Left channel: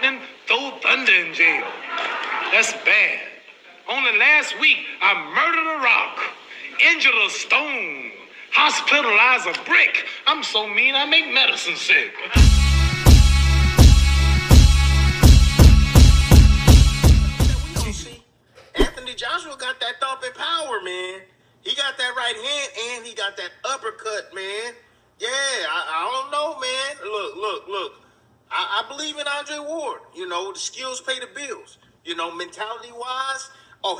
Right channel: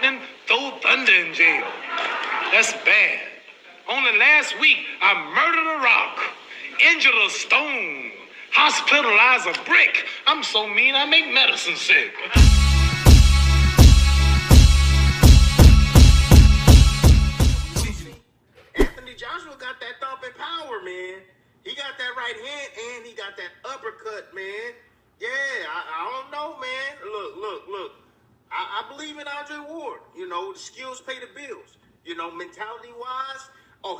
lightning, throw thunder in jail. That's bad. Only last week, I murdered a rock, injured a stone, hospitalized a brick. I'm so mean, I make medicine sick. Anthony Joshua got that thumping power, man. He got that right hand and he got that uppercut, man. Yeah, I don't know, man. Look. I believe in Andre Ward. You know, the skills pay the bills. You know, mentality-wise,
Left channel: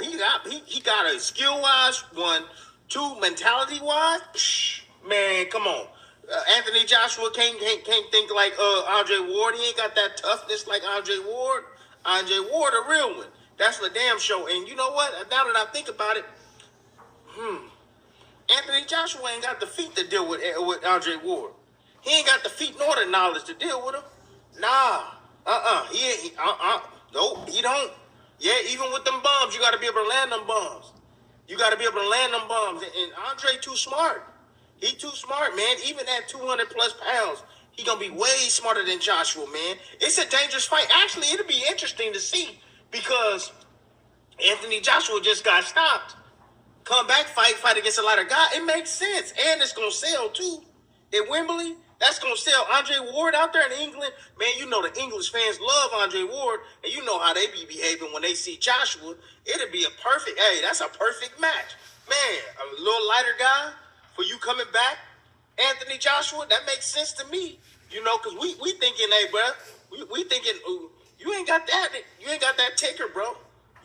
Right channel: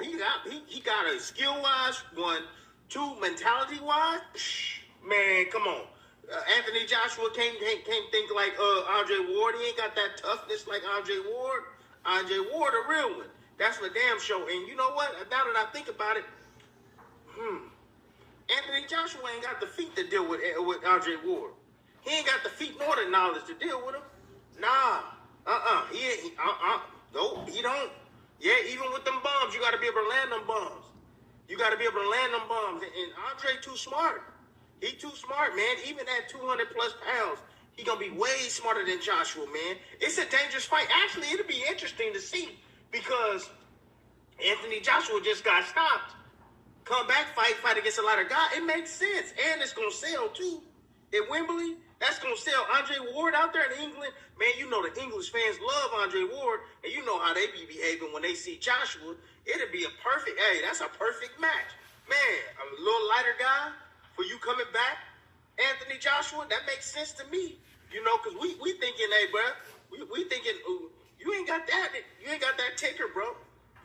he got a skill-wise one. Two, mentality-wise, man, come on. Anthony Joshua can't think like Andre Ward. He ain't got that toughness like Andre Ward. Andre Ward, a real one. That's the damn show. And you know what? Now that I think about it, Anthony Joshua ain't got the feet to deal with Andre Ward. He ain't got the feet nor the knowledge to deal with him. Nah. No, he don't. Yeah, even with them bombs, you got to be able to land them bombs. You got to be able to land them bombs. And Andre too smart. He too smart, man. Even at 200 plus pounds, he going to be way smarter than Joshua, man. It's a dangerous fight. Actually, it'll be interesting to see because Anthony Joshua just got stopped. Come back, fight against a lighter guy. It makes sense. And it's going to sell, too. At Wembley, that's going to sell. Andre Ward out there in England, man, you know the English fans love Andre Ward, and you know how they be behaving when they see Joshua. It'll be that's a perfect match. Man, a little lighter guy for you coming back, Anthony Joshua, that makes sense to me. You know, because we thinking, hey, bro, we thinking, you ain't got that ticker, bro.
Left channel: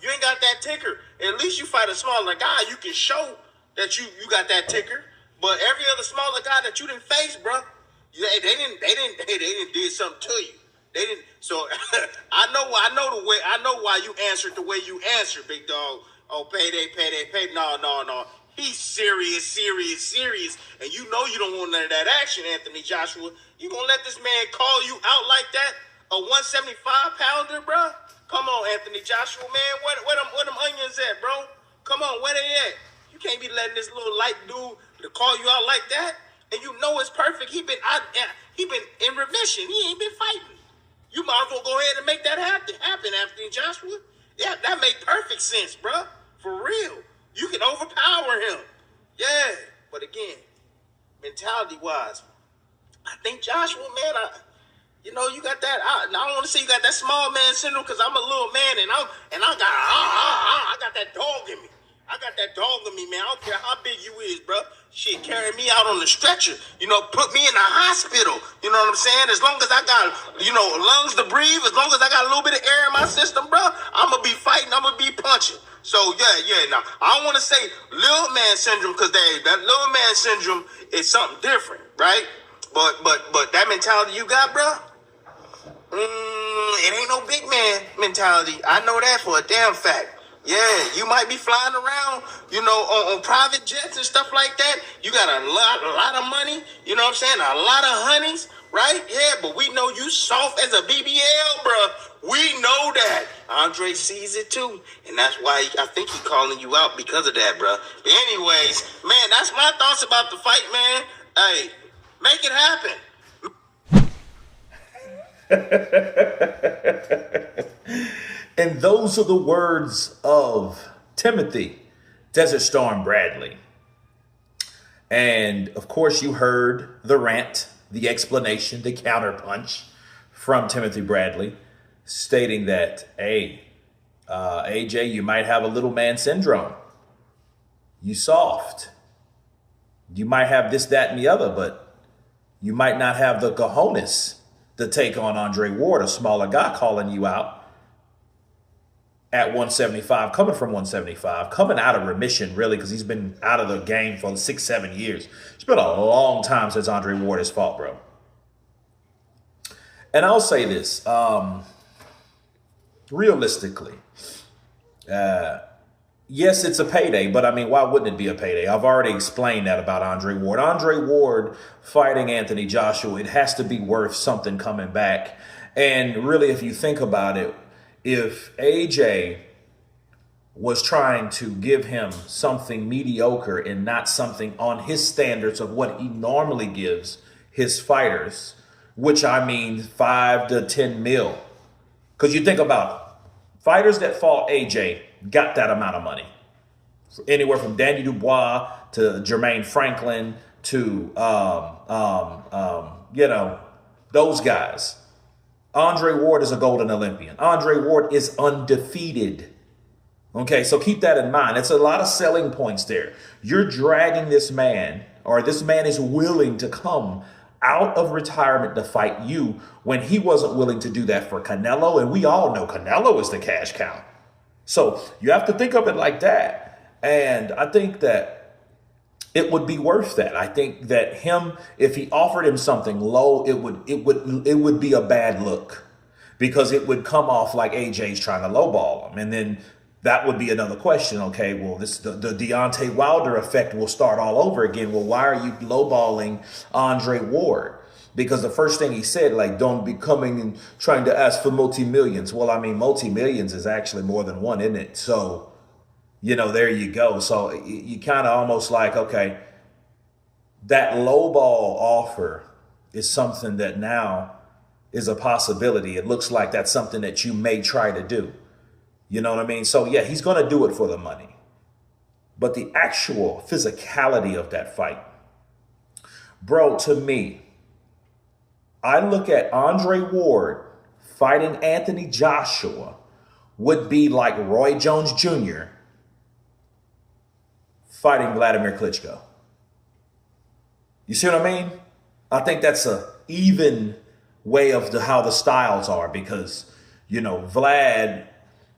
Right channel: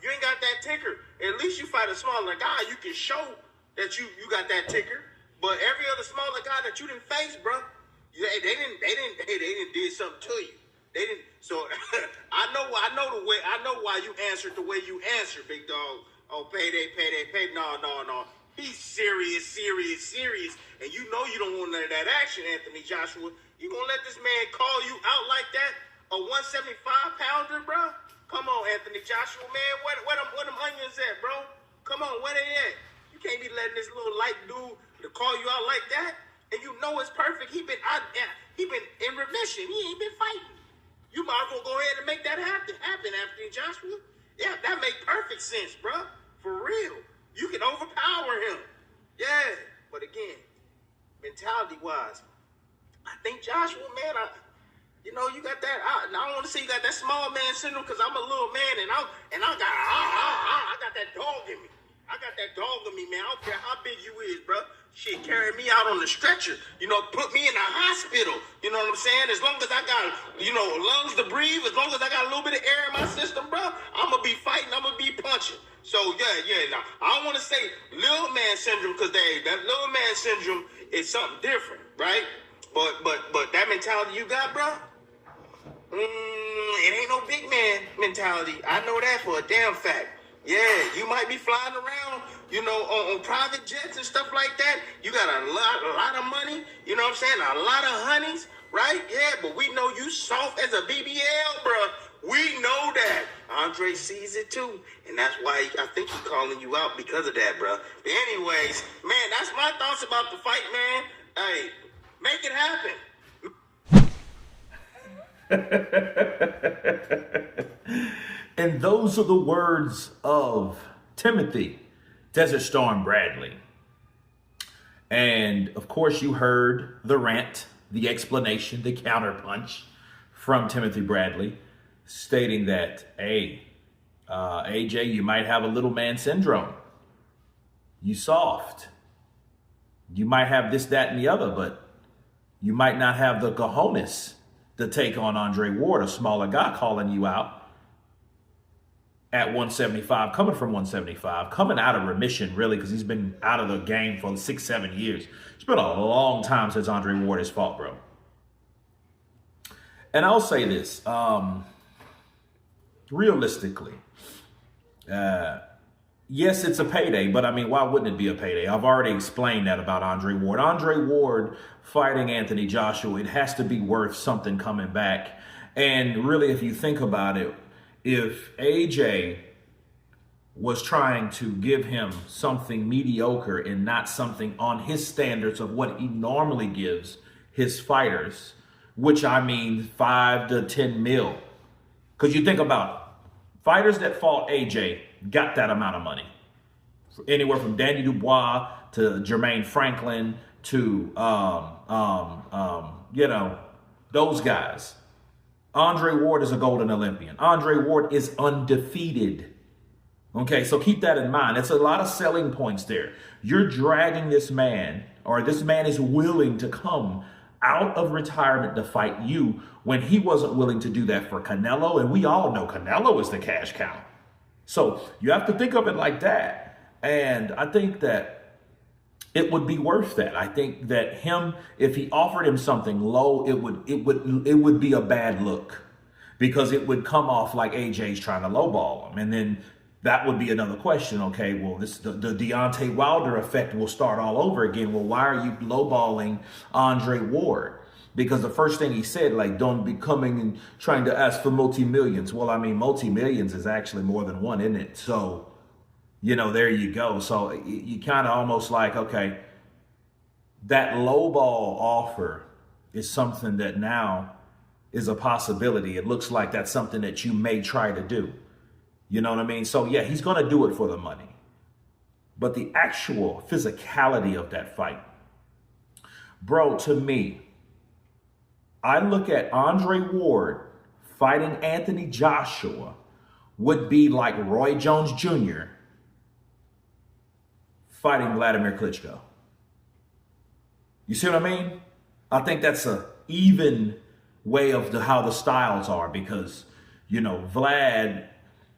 You ain't got that ticker. At least you fight a smaller guy, you can show that you got that ticker. But every other smaller guy that you didn't face, bro, they didn't did something to you. They didn't. So I know why you answered the way you answered, big dog. Oh, payday. No. He's serious. And you know you don't want none of that action, Anthony Joshua. You gonna let this man call you out like that? A 175 pounder, bro? Come on, Anthony Joshua, man. Where them onions at, bro? Come on, where they at? You can't be letting this little light dude to call you out like that. And you know it's perfect. He been in remission. He ain't been fighting. You might as well go ahead and make that happen, Anthony Joshua. Yeah, that make perfect sense, bro. For real. You can overpower him. Yeah. But again, mentality-wise, I think Joshua, man, you got that. I don't want to say you got that small man syndrome because I'm a little man and I got that dog in me. I got that dog in me, man. I don't care how big you is, bro. Shit, carry me out on the stretcher. Put me in the hospital. You know what I'm saying? As long as I got, lungs to breathe, as long as I got a little bit of air in my system, bro, I'm going to be fighting. I'm going to be punching. So, yeah. Now, I don't want to say little man syndrome because that little man syndrome is something different, right? But that mentality you got, bro, it ain't no big man mentality. I know that for a damn fact. Yeah, you might be flying around, on private jets and stuff like that. You got a lot of money, you know what I'm saying? A lot of honeys, right? Yeah, but we know you soft as a BBL, bro. We know that. Andre sees it too, and that's why I think he's calling you out because of that, bro. But anyways, man, that's my thoughts about the fight, man. Hey, make it happen. And those are the words of Timothy Desert Storm Bradley. And of course, you heard the rant, the explanation, the counterpunch from Timothy Bradley stating that, hey, AJ, you might have a little man syndrome. You soft. You might have this, that, and the other, but you might not have the cojones to take on Andre Ward, a smaller guy, calling you out at 175, coming from 175, coming out of remission, really, because he's been out of the game for 6-7 years. It's been a long time since Andre Ward has fought, bro. And I'll say this, realistically, yes, it's a payday, but I mean, why wouldn't it be a payday? I've already explained that about Andre Ward. Andre Ward fighting Anthony Joshua, it has to be worth something coming back. And really, if you think about it, if AJ was trying to give him something mediocre and not something on his standards of what he normally gives his fighters, which I mean 5 to 10 mil, Because you think about it, fighters that fought AJ got that amount of money. Anywhere from Danny Dubois to Jermaine Franklin to, those guys. Andre Ward is a golden Olympian. Andre Ward is undefeated. Okay, so keep that in mind. It's a lot of selling points there. You're dragging this man, or this man is willing to come out of retirement to fight you when he wasn't willing to do that for Canelo. And we all know Canelo is the cash cow. So you have to think of it like that. And I think that it would be worth that. I think that if he offered him something low, it would be a bad look, because it would come off like AJ's trying to lowball him. And then that would be another question. Okay, well, the Deontay Wilder effect will start all over again. Well, why are you lowballing Andre Ward? Because the first thing he said, like, don't be coming and trying to ask for multi-millions. Well, I mean, multi-millions is actually more than one, isn't it? So, there you go. So you kind of almost like, okay, that lowball offer is something that now is a possibility. It looks like that's something that you may try to do. You know what I mean? So, yeah, he's going to do it for the money. But the actual physicality of that fight, bro, to me, I look at Andre Ward fighting Anthony Joshua would be like Roy Jones Jr. fighting Vladimir Klitschko. You see what I mean? I think that's a even way of how the styles are, because, Vlad,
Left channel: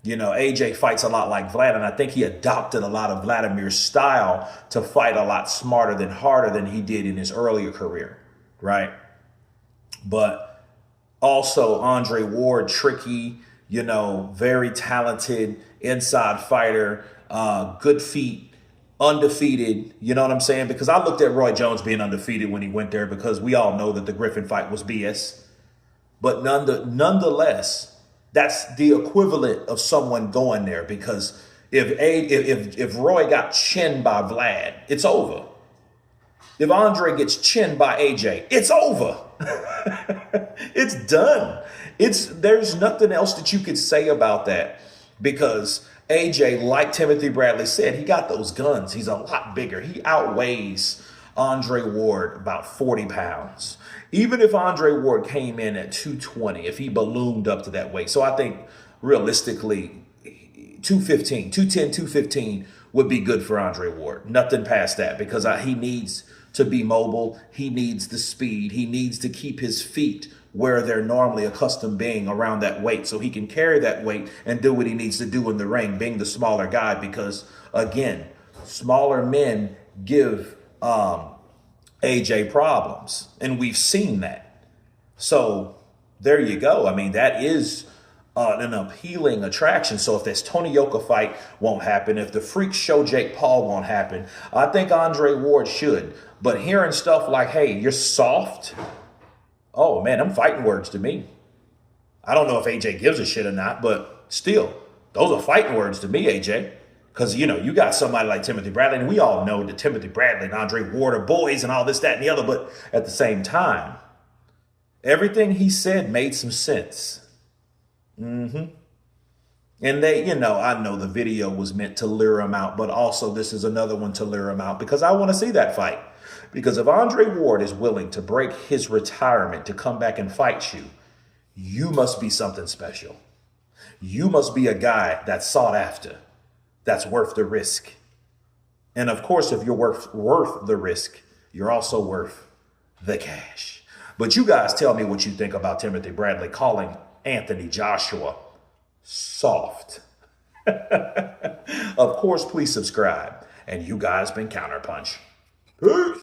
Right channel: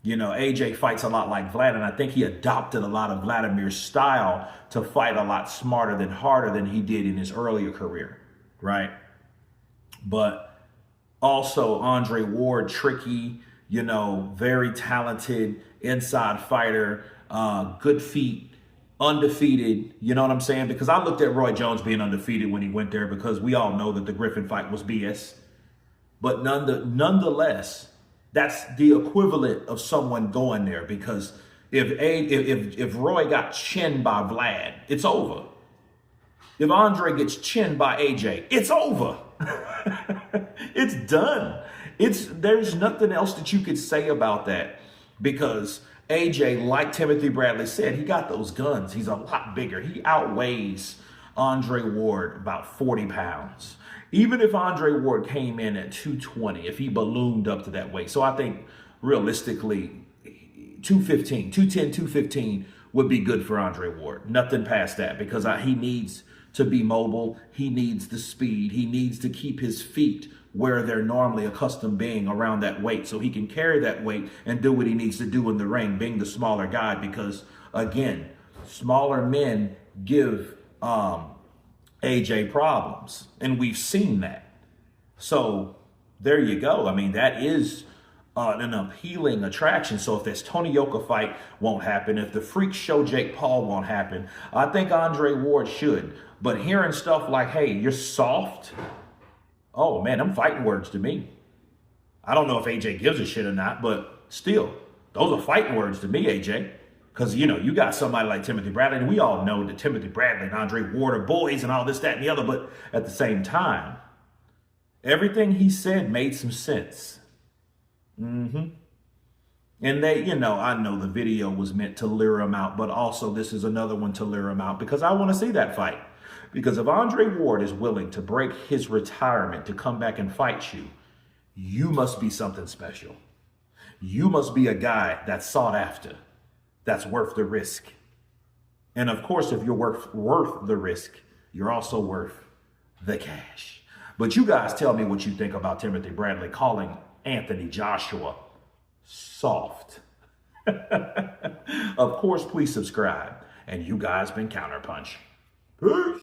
AJ fights a lot like Vlad, and I think he adopted a lot of Vladimir's style to fight a lot smarter than harder than he did in his earlier career, right? But also Andre Ward, tricky, very talented inside fighter, good feet, undefeated. You know what I'm saying? Because I looked at Roy Jones being undefeated when he went there, because we all know that the Griffin fight was BS. But nonetheless, that's the equivalent of someone going there, because if Roy got chinned by Vlad, it's over. If Andre gets chinned by AJ, it's over. It's done. There's nothing else that you could say about that, because AJ, like Timothy Bradley said, he got those guns. He's a lot bigger. He outweighs Andre Ward about 40 pounds. Even if Andre Ward came in at 220, if he ballooned up to that weight. So I think realistically, 210, 215 would be good for Andre Ward. Nothing past that, because he needs to be mobile. He needs the speed. He needs to keep his feet where they're normally accustomed being, around that weight, so he can carry that weight and do what he needs to do in the ring, being the smaller guy, because, again, smaller men give AJ problems, and we've seen that. So there you go. I mean, that is an appealing attraction. So if this Tony Yoka fight won't happen, if the freak show Jake Paul won't happen, I think Andre Ward should. But hearing stuff like, hey, you're soft, oh man, them fighting words to me. I don't know if AJ gives a shit or not, but still, those are fighting words to me, AJ. Because, you got somebody like Timothy Bradley, and we all know that Timothy Bradley and Andre Ward are boys and all this, that, and the other. But at the same time, everything he said made some sense. And they, I know the video was meant to lure him out, but also this is another one to lure him out, because I want to see that fight. Because if Andre Ward is willing to break his retirement to come back and fight you, you must be something special. You must be a guy that's sought after, that's worth the risk. And of course, if you're worth the risk, you're also worth the cash. But you guys tell me what you think about Timothy Bradley calling Anthony Joshua soft. Of course, please subscribe. And you guys been Counterpunch. Peace.